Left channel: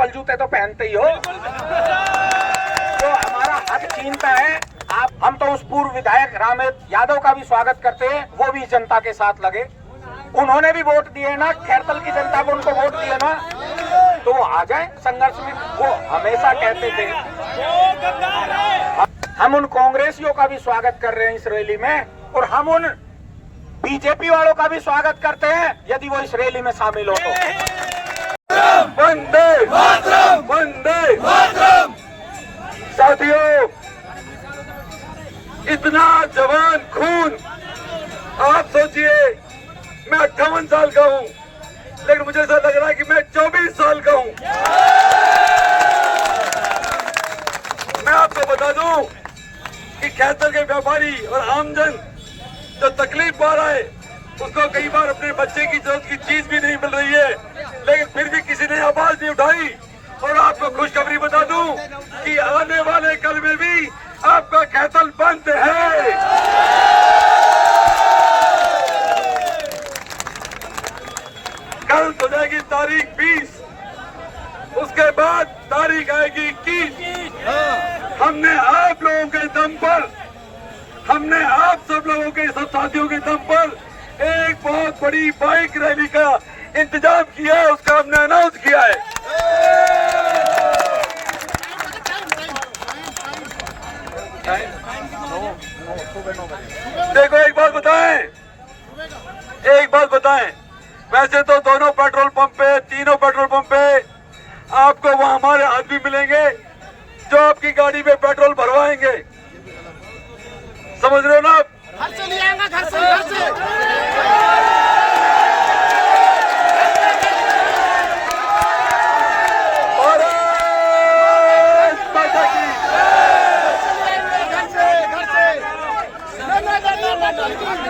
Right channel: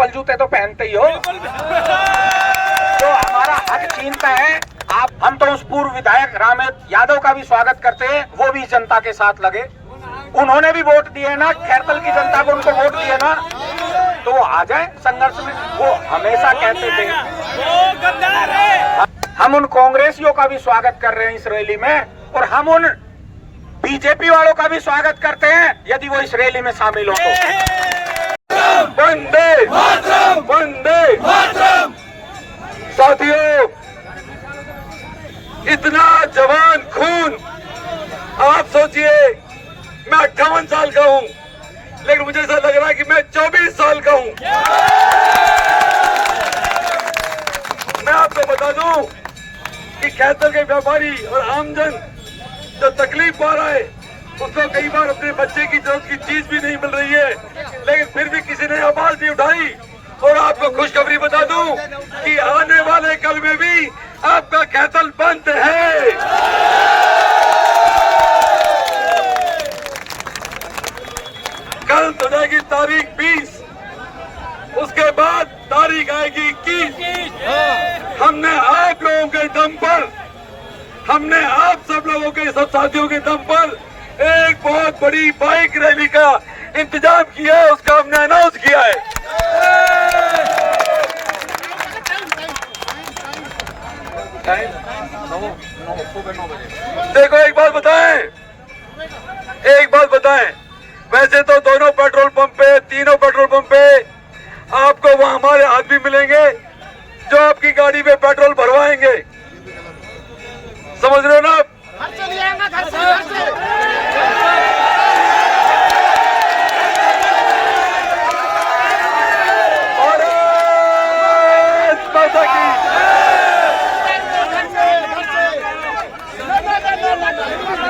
चप्पल जूते तो पहनते ही हो। जो हमारा हक छीनता है आप, हम तो उस पूर्व विधायक रामेश यादव का भी स्वागत करते हैं, वो भी जनता के साथ लगे। उन्होंने भी वोट दिए ना, खैरतल की जनता को उनको वोट दिए ना, तो वो आ जाए संघर्ष में। वो हमेशा कहते थे। हम उन कांग्रेसियों का भी स्वागत कर रहे हैं इस रैली में, और हम उन बीजेपी वालों का भी स्वागत करते हैं यदि वो इस रैली में शामिल हो तो। वंदे मातरम, वंदे मातरम। साथियों, इतना जवान खून, आप सोचिए मैं 58 साल का हूं, लेकिन मुझे ऐसा लग रहा है कि मैं 24 साल का हूं। मैं आपको बता दूं कि खैरतल के व्यापारी और आमजन जो तकलीफ पा रहा है, उसको कई बार अपने बच्चे की जरूरत की चीज भी नहीं मिल रही है, लेकिन फिर भी किसी ने आवाज नहीं उठाई। और आपको खुशखबरी बता दूं कि आने वाले कल में भी आपका खैरतल बंद है। कल तो जाएगी तारीख 20, उसके बाद तारीख आएगी 21। हमने आप लोगों के दम पर, हमने आप सब लोगों के सब साथियों के दम पर एक बहुत बड़ी बाइक रैली का इंतजाम किया है, उसका हमने अनाउंस किया है। सुबह 9 बजे। देखो एक बात बताएं, वैसे तो दोनों पेट्रोल पंप पे, तीनों पेट्रोल पंप पे आपको वहाँ हमारे आदमी मिलेंगे जो आपकी गाड़ी में पेट्रोल भरवाएंगे। समझ रहे हो ना आप?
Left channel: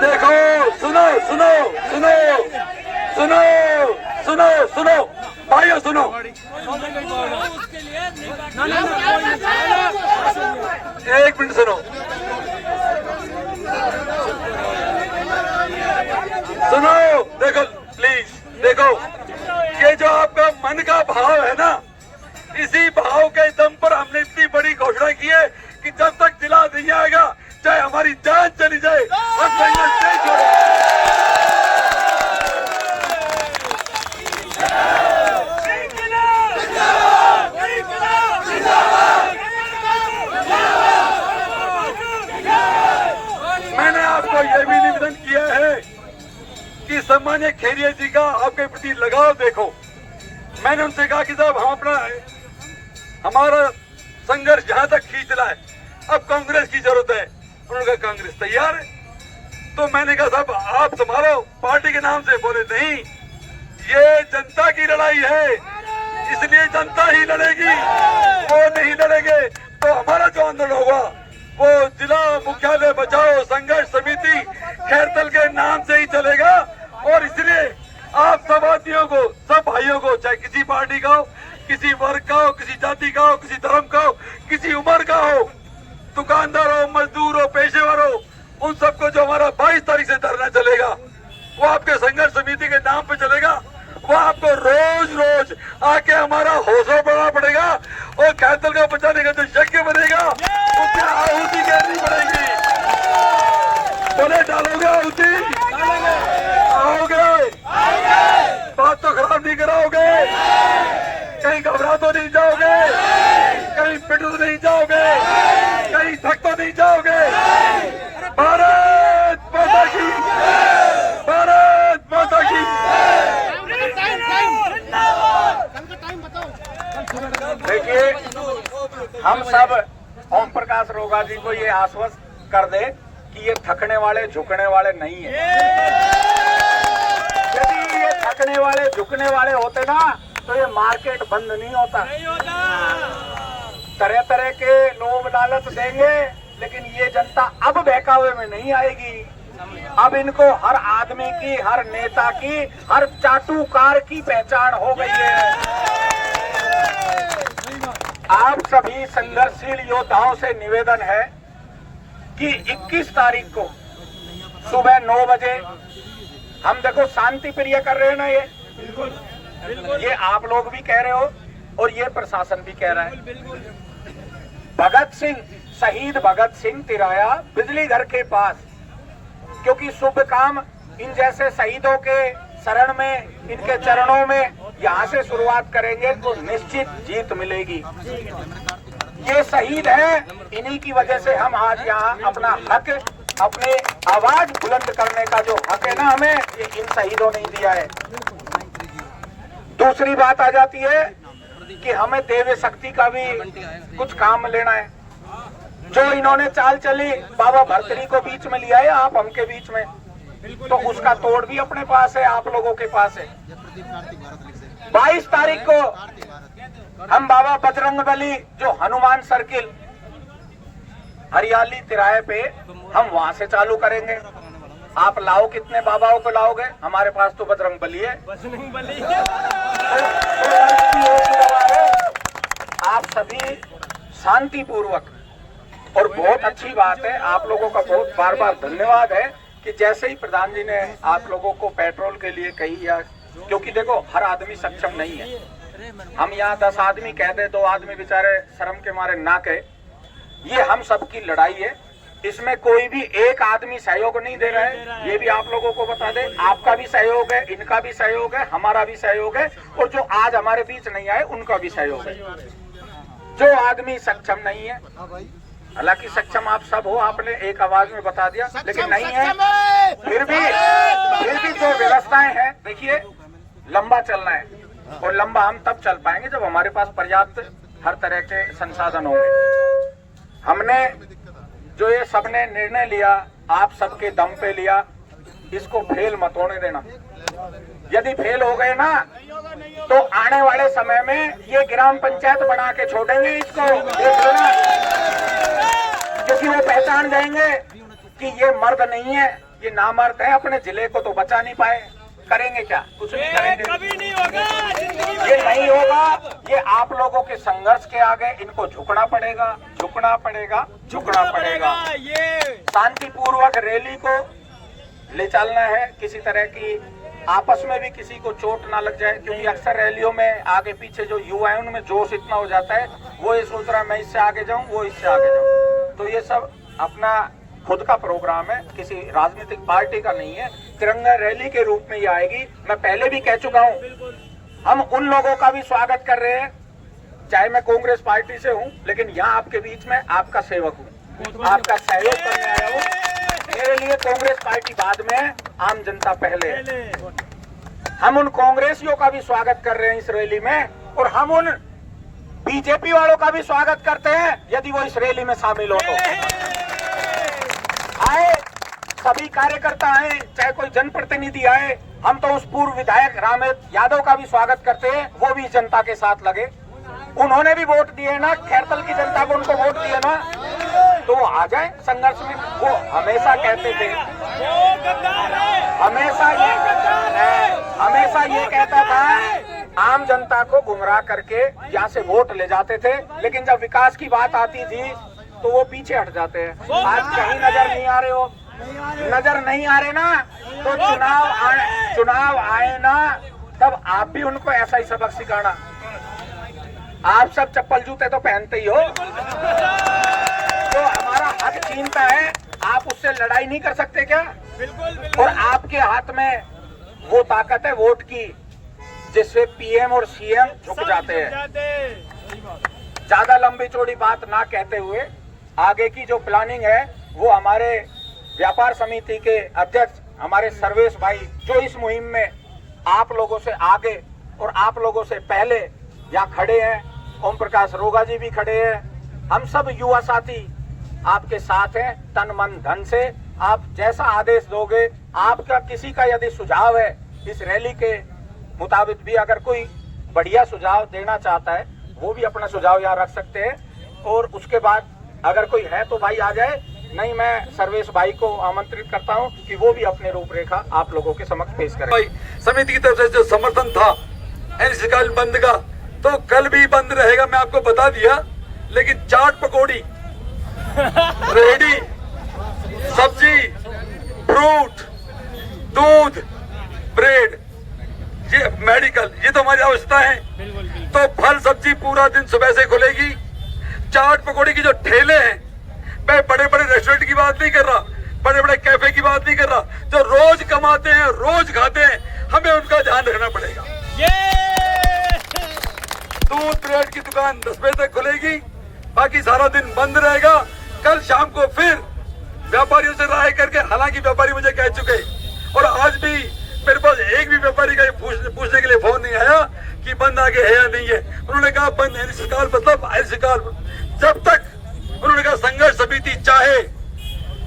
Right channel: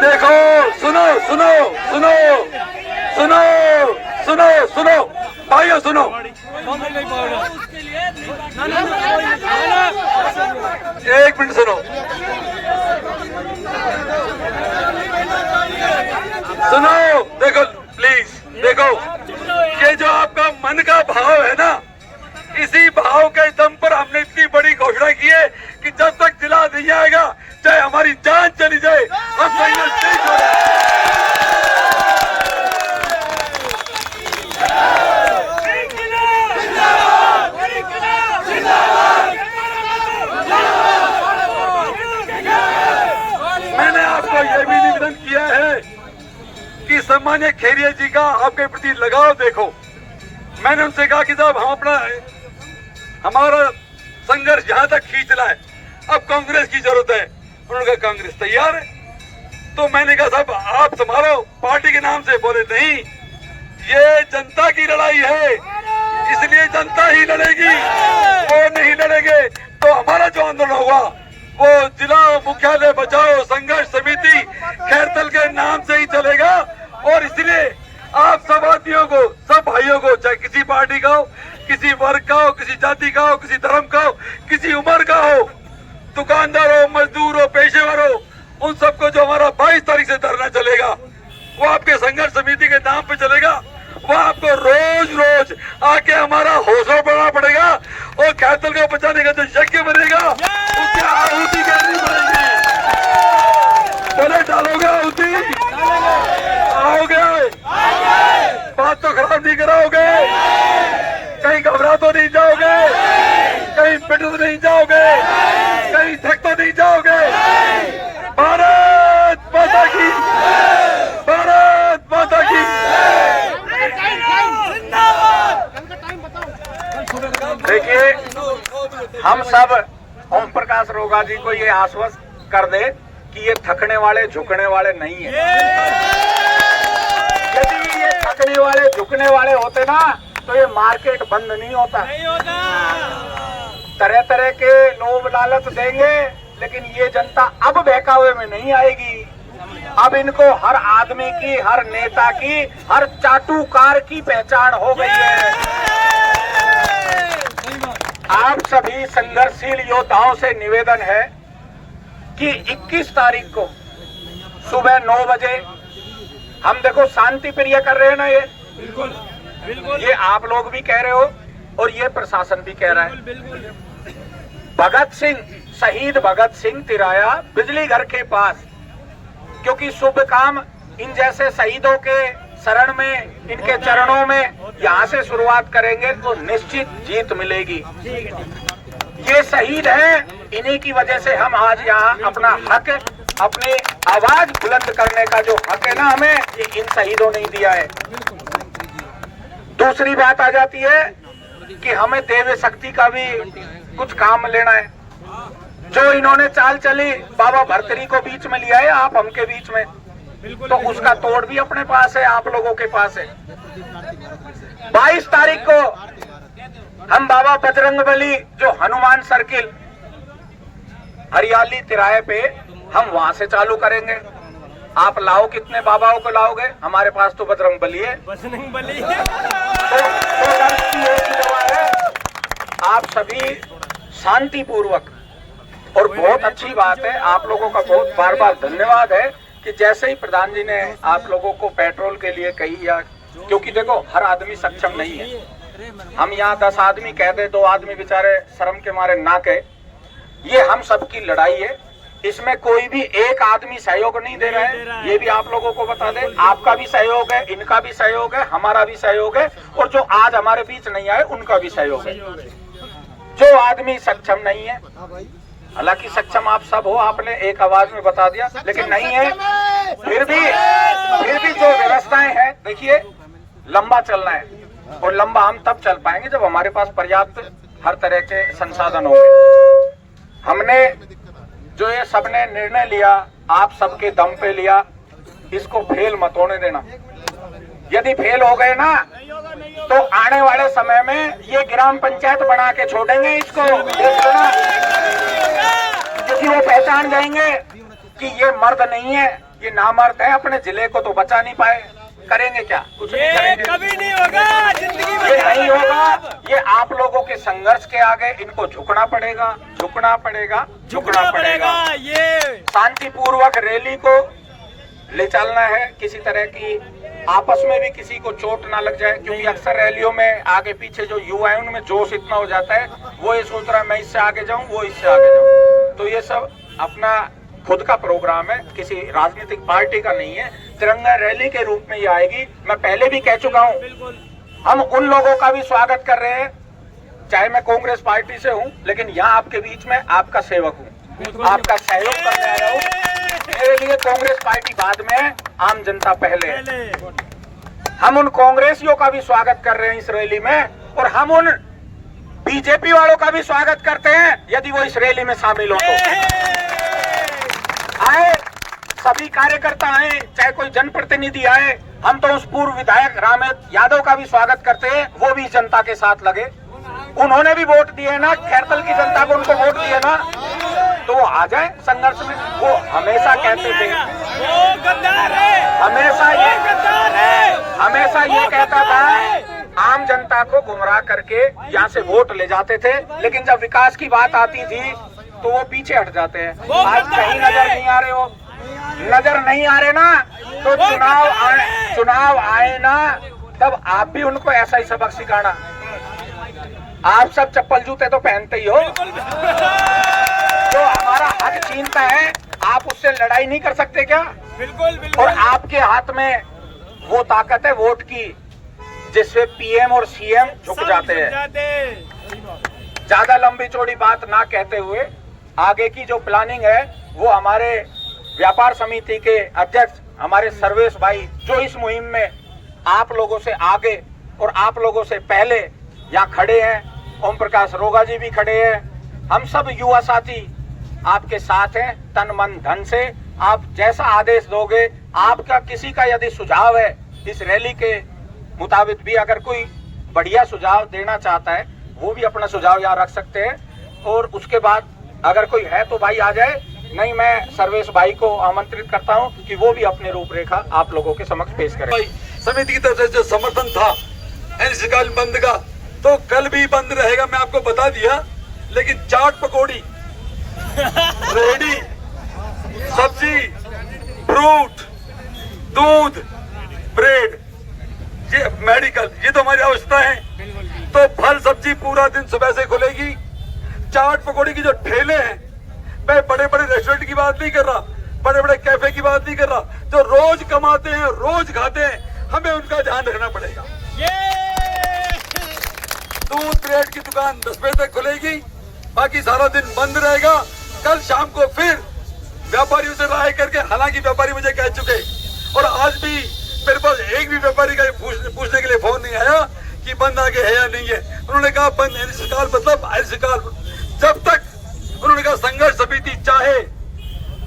देखो सुनो सुनो सुनो सुनो सुनो सुनो भाइयों सुनो, एक मिनट सुनो, सुनो। देखो प्लीज, देखो ये जो आपका मन का भाव है ना, इसी भाव के दम पर हमने इतनी बड़ी घोषणा की है कि जब तक जिला नहीं जाएगा, चाहे हमारी जान चली जाए, हम संघर्ष नहीं छोड़ेंगे। मैंने आपको यह भी निवेदन किया है कि सम्मान्य खेरिया जी का आपके प्रति लगाव देखो। मैंने उनसे कहा कि साहब हम हमारा संघर्ष यहां तक खींच रहा है, अब कांग्रेस की जरूरत है। उन्होंने कहा कांग्रेस तैयार है। तो मैंने कहा साहब आप संभालो पार्टी के नाम से। बोले नहीं, ये जनता की लड़ाई है, इसलिए जनता ही लड़ेगी, वो नहीं लड़ेंगे तो हमारा जो आंदोलन होगा वो जिला मुख्यालय बचाओ संघर्ष समिति खैरतल के नाम से ही चलेगा। और इसलिए आप सब आदमियों को, सब भाइयों को, चाहे किसी पार्टी का हो, किसी वर्ग का हो, किसी जाति का हो, किसी धर्म का हो, किसी उम्र का हो, दुकानदार हो, मजदूर हो, पेशेवर हो, उन सबको जो हमारा 22 तारीख से धरना चलेगा वो आपके संघर्ष समिति के नाम पे चलेगा। वो आपको रोज रोज आके हमारा हौसला बढ़ाना पड़ेगा और खैरतल को बचाने का जो यज्ञ बनेगा उससे आहुति देनी पड़ेगी। बोले डालोगे आहुति? आओगे? बात तो खराब नहीं कराओगे? कहीं घबरा तो नहीं जाओगे? कहीं पिट तो नहीं जाओगे? कहीं थक तो नहीं जाओगे? भारत माता की, भारत माता की। देखिए हम सब ओम प्रकाश रोगा जी को ये आश्वस्त कर दे कि ये थकने वाले झुकने वाले नहीं है। यदि ये थकने वाले झुकने वाले होते ना तो ये मार्केट बंद नहीं होता। तरह तरह के लोभ लालच देंगे, लेकिन ये जनता अब बहकावे में नहीं आएगी। अब इनको हर आदमी की, हर नेता की, हर चाटुकार की पहचान हो गई है। आप सभी संघर्षशील योद्धाओं से निवेदन है कि 21 तारीख को सुबह 9 बजे हम देखो शांति प्रिय कर रहे हैं ना, ये बिल्कुल ये आप लोग भी कह रहे हो और ये प्रशासन भी कह रहा है। भगत सिंह, शहीद भगत सिंह तिराया बिजली घर के पास, क्योंकि शुभ काम इन जैसे शहीदों के शरण में, इनके चरणों में यहाँ से शुरुआत करेंगे तो निश्चित जीत मिलेगी। ये शहीद हैं, इन्हीं की वजह से हम आज यहाँ अपना हक, अपने आवाज बुलंद करने का जो हक है ना हमें, ये इन शहीदों ने दिया है। दूसरी बात आ जाती है कि हमें देव शक्ति का भी कुछ काम लेना है। जो इन्होंने चाल चली, बाबा भरतरी को बीच में लिया है, आप हमके बीच में, तो उसका तोड़ भी अपने पास है, आप लोगों के पास है। 22 तारीख को हम बाबा बजरंगबली जो हनुमान सर्किल हरियाली तिराहे पे, हम वहां से चालू करेंगे। आप लाओ, कितने बाबाओं को लाओगे? हमारे पास तो बजरंगबली है। आप सभी शांति पूर्वक, और बहुत अच्छी बात है, आप लोगों का बहुत बार बार धन्यवाद है कि जैसे ही प्रधान जी ने आप लोगों को पेट्रोल के लिए कही, या क्योंकि देखो हर आदमी सक्षम नहीं है। हम यहाँ 10 आदमी कह दे, 2 आदमी बेचारे शर्म के मारे ना कहे, ये हम सबकी लड़ाई है। इसमें कोई भी एक आदमी सहयोग नहीं दे रहा है, ये भी आप लोगों को बता दें। आपका भी सहयोग है, इनका भी सहयोग है, हमारा भी सहयोग है, और जो आज हमारे बीच नहीं आए उनका भी सहयोग है। जो आदमी सक्षम नहीं है, हालांकि सक्षम आप सब हो, आपने एक आवाज में बता दिया, लेकिन नहीं है, फिर भी जो व्यवस्थाएं हैं, देखिए लंबा चलना है, और लंबा हम तब चल पाएंगे जब हमारे पास पर्याप्त हर तरह के संसाधन होंगे। हमने जो ये सबने निर्णय लिया, आप सबके दम पे लिया, इसको फेल मत होने देना। यदि फेल हो गए ना, तो आने वाले समय में ये ग्राम पंचायत बना के छोड़ेंगे इसको, क्योंकि वो पहचान जाएंगे कि ये मर्द नहीं है, ये नामर्द है, अपने जिले को तो बचा नहीं पाए। करेंगे क्या? कुछ नहीं करेंगे, कभी नहीं होगा, ये नहीं होगा। ये आप लोगों के संघर्ष के आगे इनको झुकना पड़ेगा, झुकना पड़ेगा, झुकना पड़ेगा। ये शांतिपूर्वक रैली को ले चलना है, किसी तरह की आपस में भी किसी को चोट ना लग जाए, क्योंकि अक्सर रैलियों में आगे पीछे जो युवा है उनमें जोश इतना हो जाता है, वो ये सोच रहा है मैं इससे आगे जाऊं, वो इससे आगे जाऊं। तो ये सब अपना खुद का प्रोग्राम है, किसी राजनीतिक पार्टी का नहीं है। तिरंगा रैली के रूप में ये आएगी। मैं पहले भी कह चुका हूँ, हम उन लोगों का भी स्वागत कर रहे हैं, चाहे मैं कांग्रेस पार्टी से हूँ, लेकिन यहाँ आपके बीच में आपका सेवक हूँ, आपका सहयोग करने आया हूँ। मेरे लिए कांग्रेस पार्टी बाद में, आम जनता पहले। हम उन कांग्रेसियों का भी स्वागत कर रहे हैं इस रैली में, और हम उन बीजेपी वालों का भी स्वागत करते हैं यदि वो इस रैली में शामिल हो तो। आए सभी कार्यकर्ता आए, चाहे कोई जनप्रतिनिधि आए। हम तो उस पूर्व विधायक रामेश यादव का भी स्वागत करते हैं, वो भी जनता के साथ लगे। उन्होंने भी वोट दिए ना, खैरतल की जनता को उनको वोट दिए ना, तो वो आ जाए संघर्ष में। वो हमेशा कहते थे, हमेशा ये कहता था, आम जनता को गुमराह करके यहाँ से वोट ले जाते थे, लेकिन जब विकास की बात आती थी तो वो पीछे हट जाते हैं। आज कहीं नजर नहीं आ रहे हो, नजर नहीं आ रहे ना, तो चुनाव आए ना, तब आप भी उनको ऐसा ही सबक सिखाना। आप सब चप्पल जूते तो पहनते ही हो, जो हमारा हक छीनता है आप उससे लड़ाई नहीं कर सकते क्या? बिल्कुल। और आपके हाथ में वो ताकत है वोट की, जिससे पीएम और सीएम झुक जाते हैं। ज्यादा लंबी चौड़ी बात ना कहते हुए, आगे की जो प्लानिंग है वो हमारे व्यापार समिति के अध्यक्ष हमारे सर्वेश भाई, जो इस मुहिम में आप लोगों से आगे और आप लोगों से पहले यहाँ खड़े हैं। ओम प्रकाश रोगा जी भी खड़े हैं। हम सब युवा साथी आपके साथ हैं, तन मन धन से। आप जैसा आदेश दोगे, आपका किसी का यदि सुझाव है इस रैली के मुताबिक भी, अगर कोई बढ़िया सुझाव देना चाहता है, वो भी अपना सुझाव यहाँ रख सकते हैं। और उसके बाद अगर कोई है तो भाई आ जाए, नहीं मैं सर्वेश भाई को आमंत्रित करता हूं कि वो भी अपनी रूपरेखा आप लोगों के समक्ष पेश करें। भाई समिति की तरफ से जो समर्थन था अनिश्चितकाल बंद का, तो कल भी बंद रहेगा, मैं आपको बता दिया। लेकिन चाट पकौड़ी, रेहड़ी, सब्जी, फ्रूट, दूध, ब्रेड, ये मेडिकल, ये तो हमारी आवश्यकता है। तो फल सब्जी पूरा दिन सुबह से खुलेगी। चाट पकौड़ी की जो ठेले हैं, मैं बड़े बड़े रेस्टोरेंट की बात नहीं कर रहा, बड़े बड़े कैफे की बात नहीं कर रहा, जो रोज कमाते हैं रोज खाते हैं, हमें उनका ध्यान रखना पड़ेगा। दूध ब्रेड की दुकान 10 बजे तक खुलेगी, बाकी सारा दिन बंद रहेगा। कल शाम को फिर व्यापारियों से राय करके, हालांकि व्यापारी मुझे कह चुके, और आज भी मेरे पास एक भी व्यापारी का पूछने के लिए फोन नहीं आया कि बंद आगे है या नहीं है। उन्होंने कहा बंद अनिश्चितकाल मतलब अनिश्चितकाल, जब तक उन्होंने कहा संघर्ष समिति चाहे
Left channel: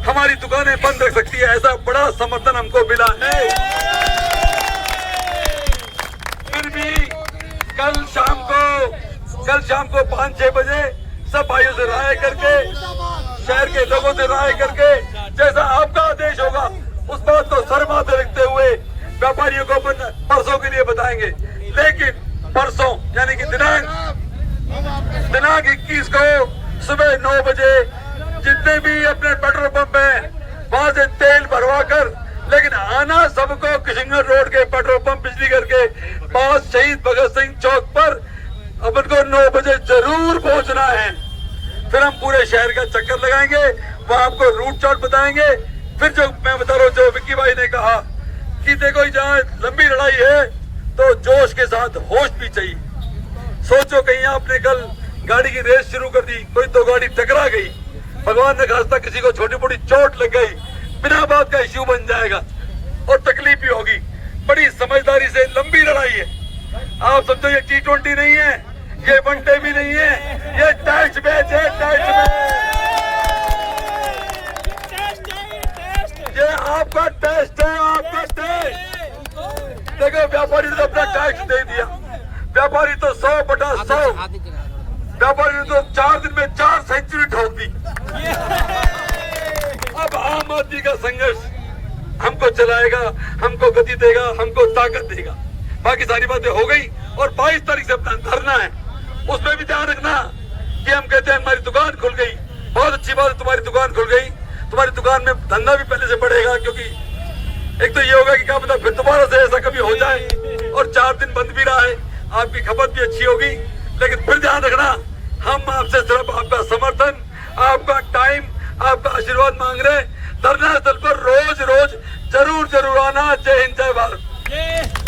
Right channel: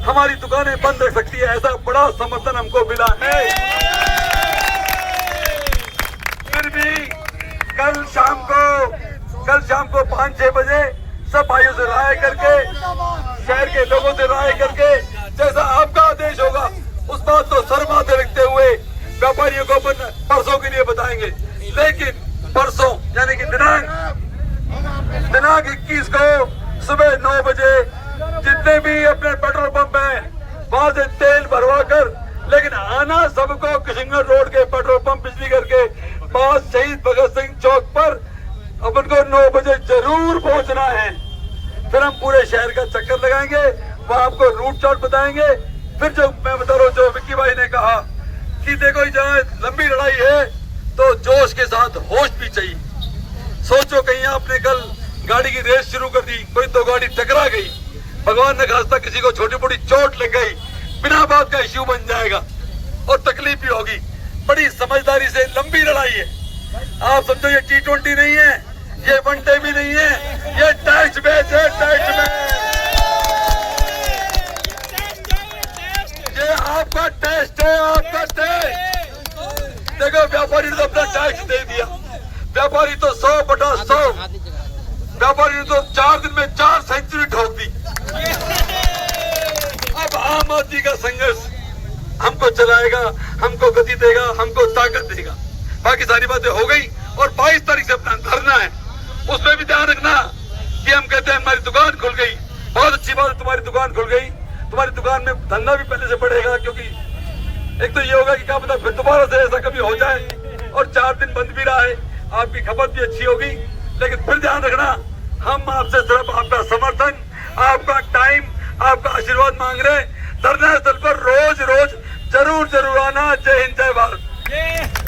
हमारी दुकानें बंद रख सकती है। ऐसा बड़ा समर्थन हमको मिला है। फिर भी कल शाम को 5-6 बजे सब भाइयों से राय करके, शहर के लोगों से राय करके, जैसा आपका आदेश होगा उस बात को सर माथे रखते हुए व्यापारियों को परसों के लिए बताएंगे। लेकिन परसों यानी कि दिनांक 21 को सुबह 9 बजे जितने भी अपने पेट्रोल पंप हैं वहां से तेल भरवा कर, लेकिन आना सबको किशनगढ़ रोड के पेट्रोल पंप बिजली घर के पास शहीद भगत सिंह चौक पर अपन को 9 बजे जरूर पहुंचना है। फिर हम पूरे शहर का चक्कर लगाएंगे, वहां आपको रूट चार्ट बताएंगे। फिर जो मैं बता रहा हूँ, जो विक्की भाई ने कहा कि देखो जहाँ लंबी लड़ाई है तो जोश के साथ होश भी चाहिए। सोचो कहीं आपने कल गाड़ी की रेस शुरू कर दी, कोई 2 गाड़ी टकरा गई, भगवान ने खास्ता किसी को छोटी मोटी चोट लग गई, बिना बात का इश्यू बन जाएगा और तकलीफ भी होगी। बड़ी समझदारी से लंबी लड़ाई है। आप समझो ये T20 नहीं है, ये वनडे भी नहीं है, ये टेस्ट मैच है। टेस्ट मैच ये आपका टेस्ट है, आपका टेस्ट। देखो व्यापारी ने तो अपना टैक्स दे दिया, व्यापारी तो 100/100, व्यापारी ने तो 4 दिन में 4 सेंचुरी ठोक दी। अब आम आदमी का संघर्ष हमको चलाएगा, हमको गति देगा, हमको ताकत देगा। बाकी सारी बातें हो गई और 22 तारीख से अपना धरना है, उसमें भी ध्यान रखना कि हम कहते हैं हमारी दुकान खुल गई, बहुत अच्छी बात है, तुम्हारी दुकान खुल गई, तुम्हारी दुकान में धंधा भी पहले से बढ़ेगा। क्योंकि एक तो ये होगा कि क्या पता फिर दोबारा से ऐसा कभी हो जाए, और 4 दिन बंद भी रहा है, आपकी खपत भी अच्छी होगी। लेकिन फिर ध्यान रखना, हम आपसे सिर्फ आपका समर्थन, आपका टाइम, आपका आशीर्वाद मांग रहे हैं। धरना स्थल पर रोज जरूर आना। जय हिंद, जय भारत।